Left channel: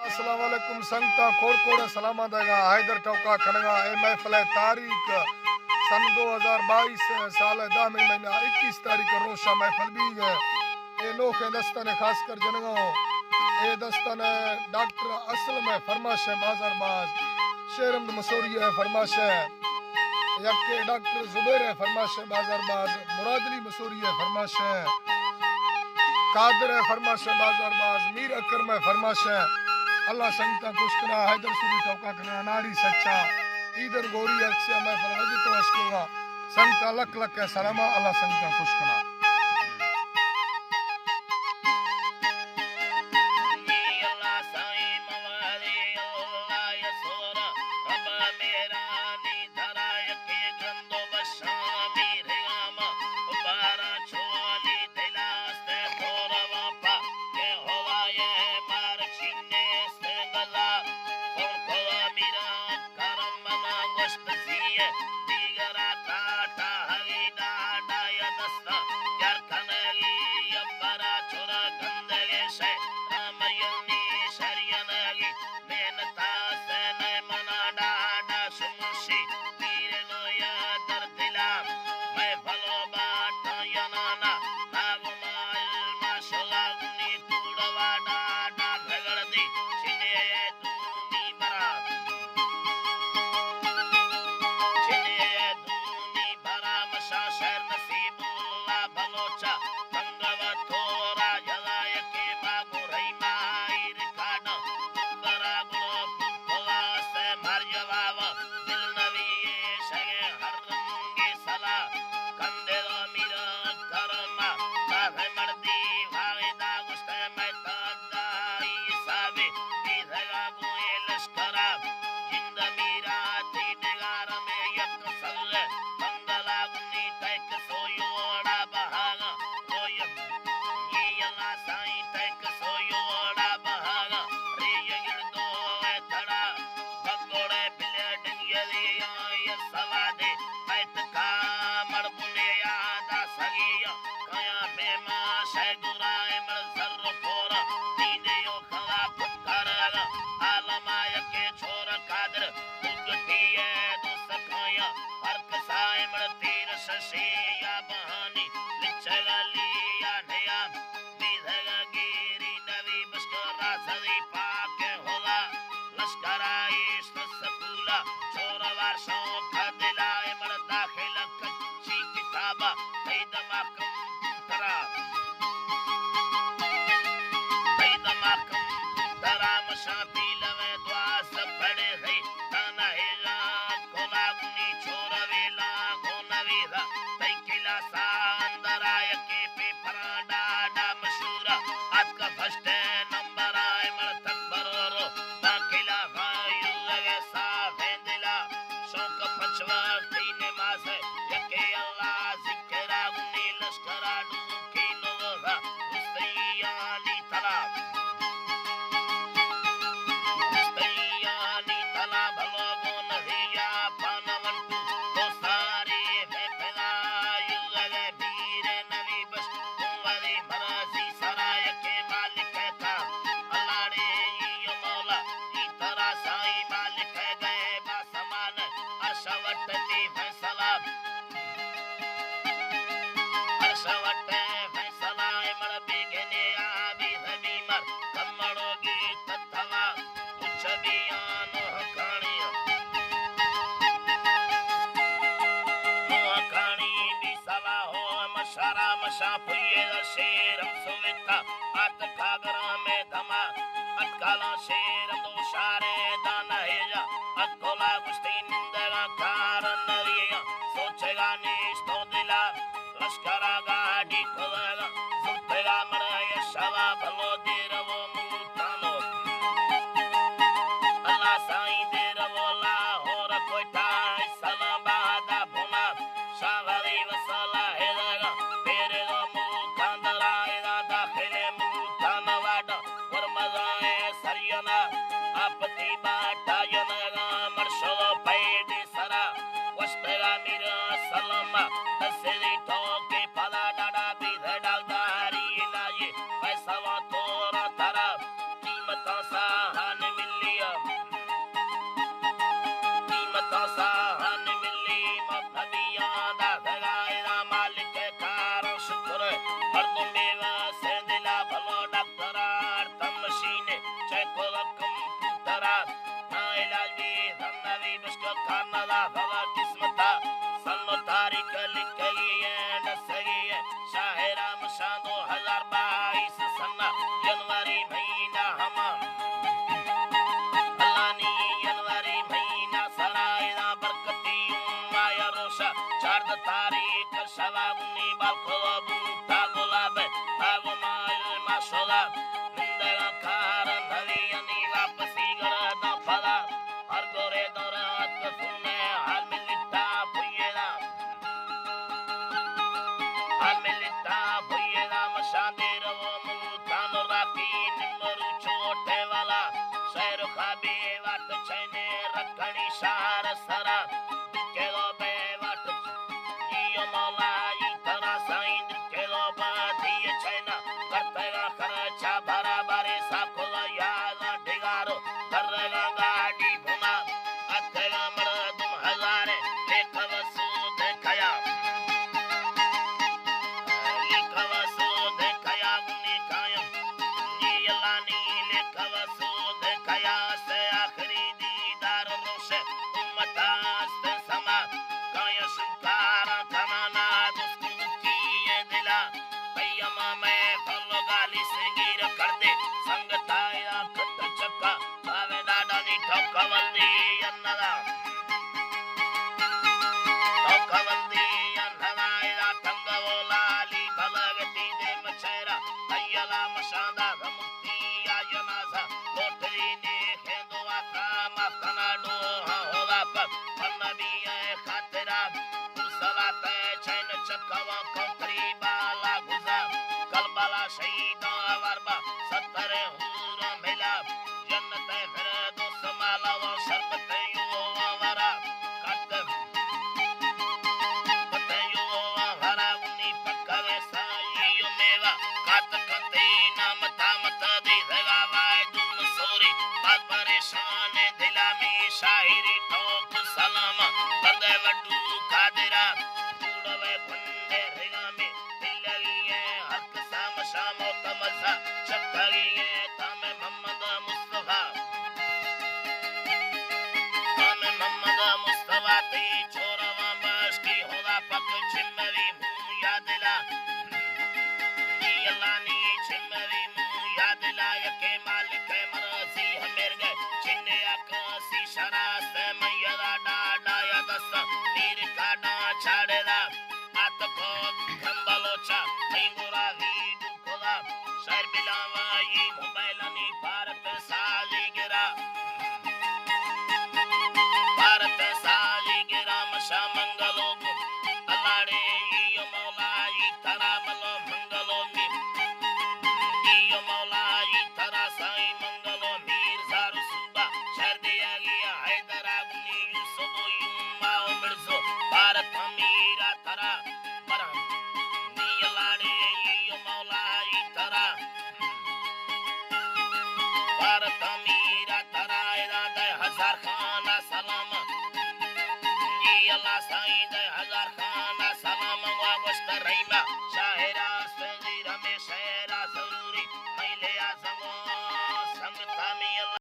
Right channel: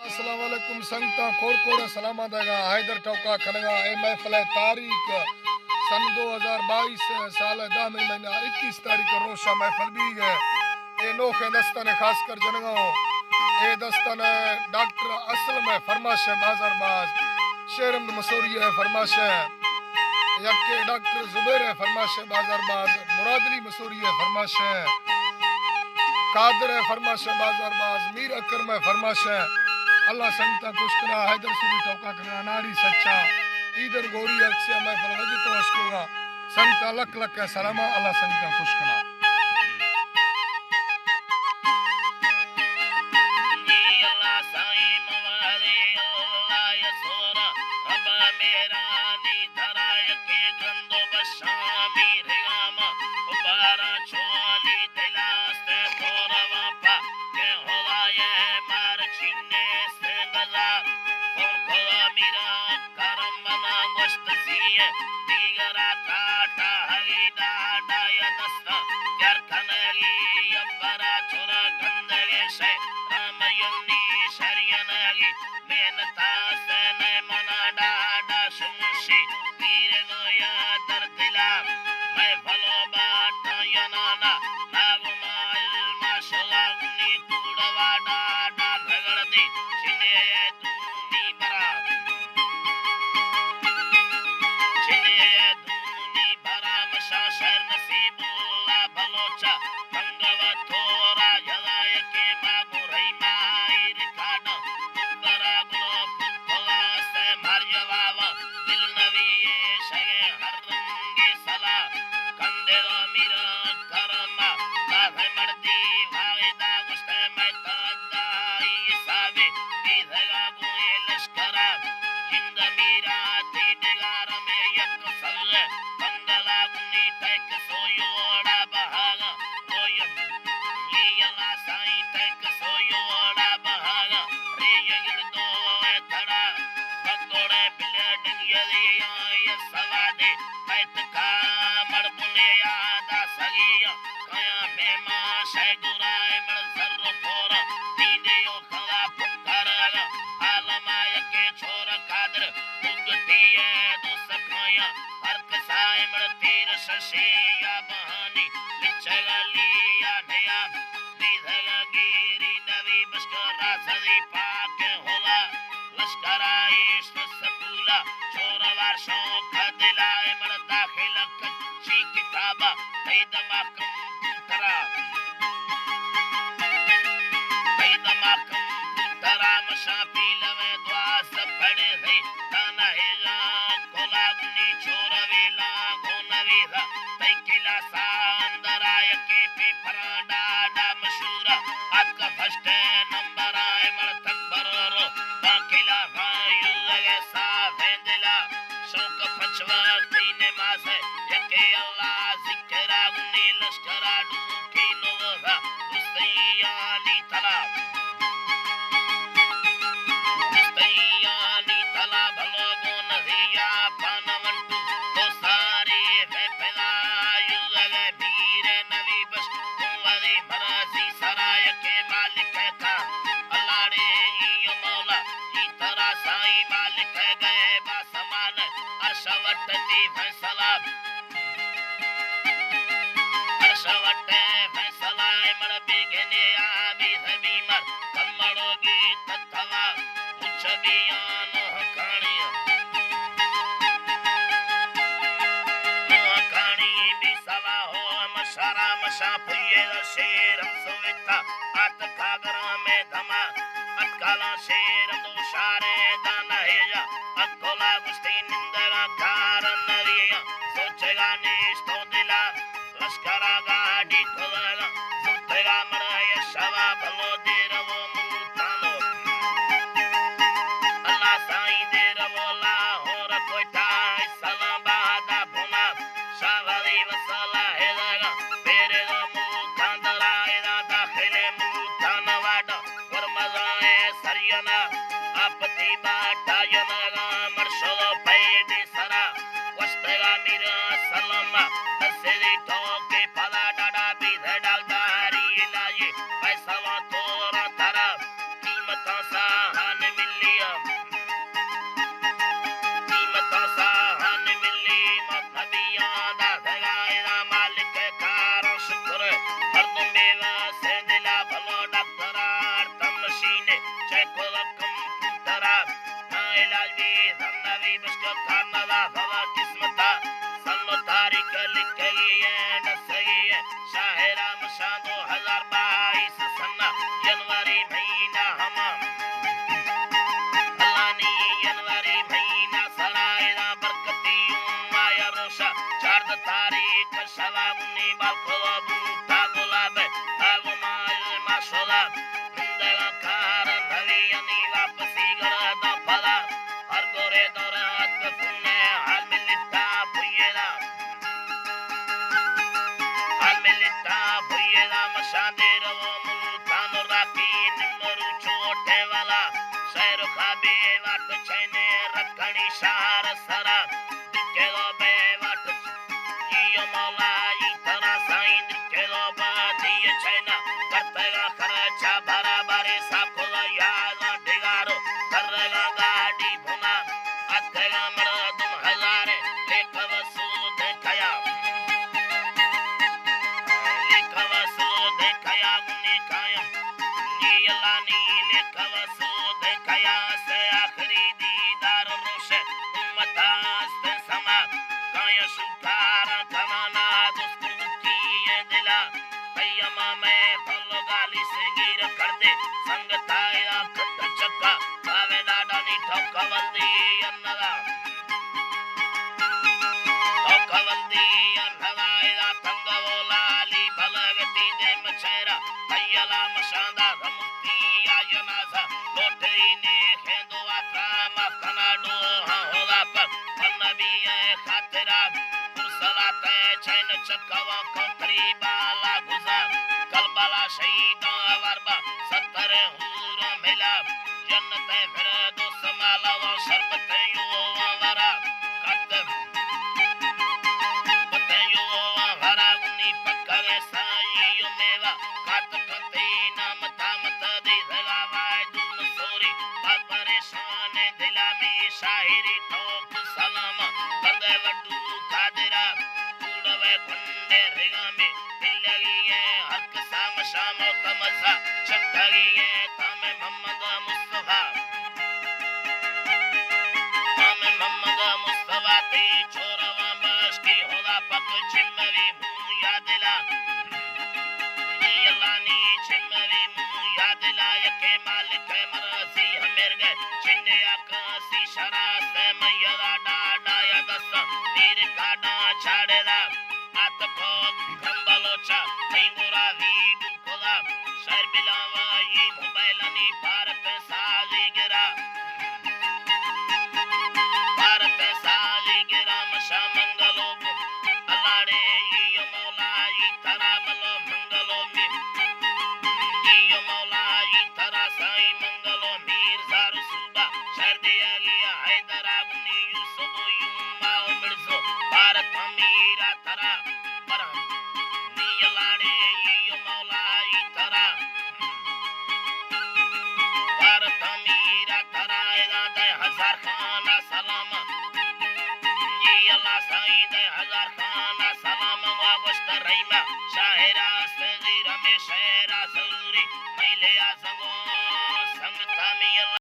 अस्सलाम वालेकुम संगता कोड़ सलामा देगा हैदर टोका खनगा ए महफिल तारीख सन 2022 साल 10 महीना 21 तारीख रोशा महफिल भी गए ए नोखे दस्तन खास कर जनगा ए दस्तन डॉक्टर असल में फरमाश बाजार बाज शेरम मसूरी है फरमाश यके डॉक्टर जुबैर है फरमाश बाजार बाज मुरादली मसूरी है फरमाश कादर है फरमाश बाजार बाज मीर अकरम है फरमाश अल्लाह संगता कुश्कना हैदर सुरी टोका कना नारी सच्चा ईदर गोरी अक्से मैं फलवजी तो अशकुगा संगता लक लक है सलामा अल्लाह संगता कुश्कना Allah sayyid hazar khana salam wa washtarayma